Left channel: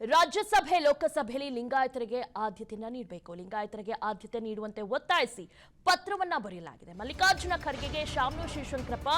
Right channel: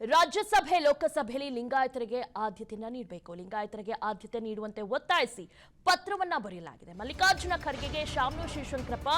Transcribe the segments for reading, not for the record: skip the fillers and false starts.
ರಾಜ್ಯಸಭೆ ಲೋಕಸಭೆಯಲ್ಲಿ ಲಿಂಗಾಯತರಿಗೆ ಆದ್ಯತೆಯನ್ನ ನೀಡಬೇಕು. ಲಿಂಗಾಯತರಿಗೆ ಆದ್ಯತೆ ನೀಡುವಂತೆ ಒತ್ತಾಯಿಸಿ ಪತ್ರವನ್ನ ಬರೆಯಲಾಗಿದೆ. ಮಲ್ಲಿಕಾರ್ಜುನ ಖರ್ಗೆಗೆ ಶಾಮನೂರು ಶಿವಶಂಕರಪ್ಪ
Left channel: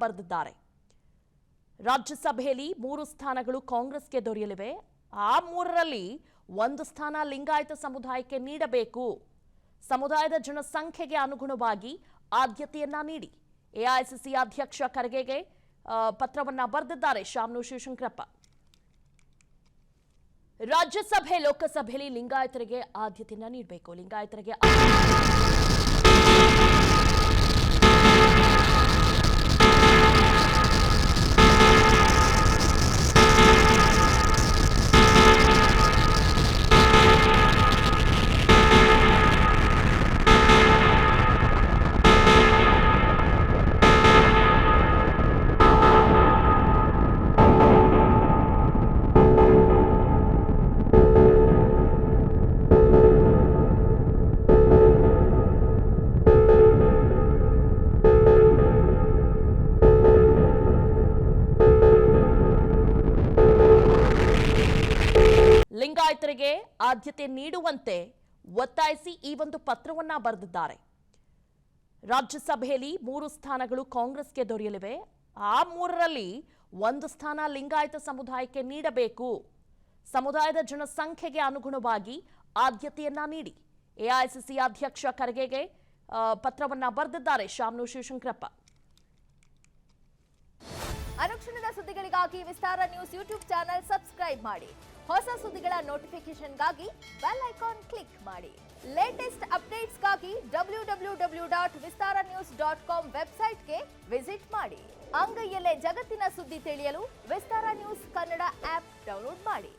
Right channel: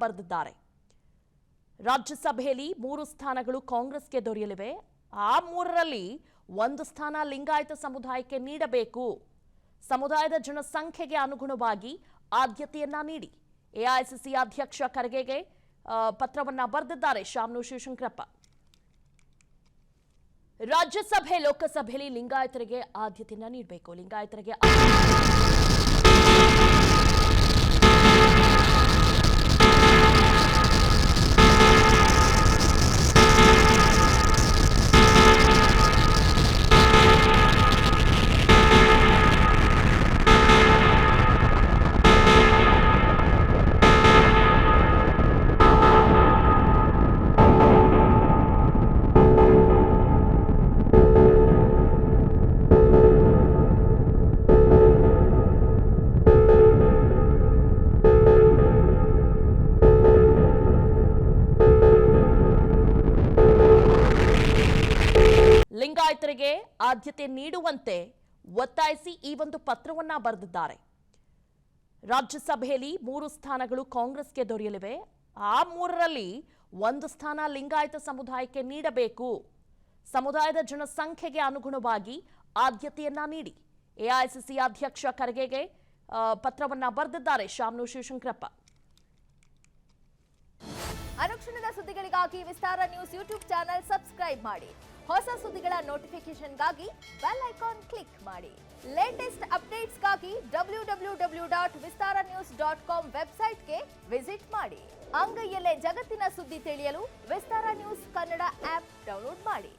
ಬರೆದಿದ್ದಾರೆ. ರಾಜ್ಯಸಭೆಯಲ್ಲಿ 3 ಸ್ಥಾನಗಳು ಕಾಂಗ್ರೆಸ್ಗೆ ದೊರೆಯಲಿವೆ. ಆ 3ರಲ್ಲಿ 1 ಸ್ಥಾನ ಲಿಂಗಾಯತ ಸಮುದಾಯಕ್ಕೆ ನೀಡಬೇಕು. ಸಮುದಾಯದ ಜನಸಂಖ್ಯೆಗೆ ಅನುಗುಣವಾಗಿ ಆದ್ಯತೆಯನ್ನ ನೀಡಿ. ಎಐಸಿಸಿ ಅಧ್ಯಕ್ಷ ಖರ್ಗೆಗೆ ಪತ್ರವನ್ನ ಬರೆದಿದ್ದಾರೆ ಶಾಮನೂರು ಶಿವಶಂಕರಪ್ಪ. ರಾಜ್ಯಸಭೆ ಲೋಕಸಭೆಯಲ್ಲಿ ಲಿಂಗಾಯತರಿಗೆ ಆದ್ಯತೆಯನ್ನ ನೀಡಬೇಕು. ಲಿಂಗಾಯತರಿಗೆ ಲಿಂಗಾಯತರಿಗೆ ಆದ್ಯತೆ ನೀಡುವಂತೆ ಒತ್ತಾಯಿಸಿ ಈ ಒಂದು ಪತ್ರವನ್ನ ಬರೆದಿದ್ದಾರೆ. ರಾಜ್ಯಸಭೆಯಲ್ಲಿ 3 ಸ್ಥಾನಗಳು ಕಾಂಗ್ರೆಸ್ಗೆ ದೊರೆಯಲಿವೆ. ಆ 3ರಲ್ಲಿ 1 ಸ್ಥಾನ ಲಿಂಗಾಯತ ಸಮುದಾಯಕ್ಕೆ ನೀಡಬೇಕು. ಸಮುದಾಯದ ಜನಸಂಖ್ಯೆಗೆ ಅನುಗುಣವಾಗಿ ಆದ್ಯತೆಯನ್ನ ನೀಡಿ. ಎಐಸಿಸಿ ಅಧ್ಯಕ್ಷ ಖರ್ಗೆಗೆ ಪತ್ರವನ್ನ ಬರೆದಿದ್ದಾರೆ ಶಾಮನೂರು ಶಿವಶಂಕರಪ್ಪ. ಅನುಕ್ಷಣದ ಸುದ್ದಿಗಳಿಗಾಗಿ ವಿಸ್ತಾರ ನ್ಯೂಸ್ ಯೂಟ್ಯೂಬ್ ಚಾನೆಲ್ ಸಬ್ಸ್ಕ್ರೈಬ್ ಮಾಡಿ. ಹೊಸ ಸುದ್ದಿಗಳ ನೋಟಿಫಿಕೇಶನ್ಗಾಗಿ ಬೆಲ್ ಐಕಾನ್ ಕ್ಲಿಕ್ ಮಾಡಿ. ಲೇಟೆಸ್ಟ್ ಅಪ್ಡೇಟ್ಸ್ಗಾಗಿ www.vistaranews.com ವೆಬ್ಸೈಟ್ಗೆ ವಿಸಿಟ್ ಮಾಡಿ. ಅಂಗೈಯಲ್ಲೇ ಜಗತ್ತಿನ ಸುದ್ದಿ ತಿಳಿಯಲು ವಿಸ್ತಾರ ನ್ಯೂಸ್ ಕನ್ನಡ ಆಪ್ ಡೌನ್ಲೋಡ್ ಮಾಡಿ.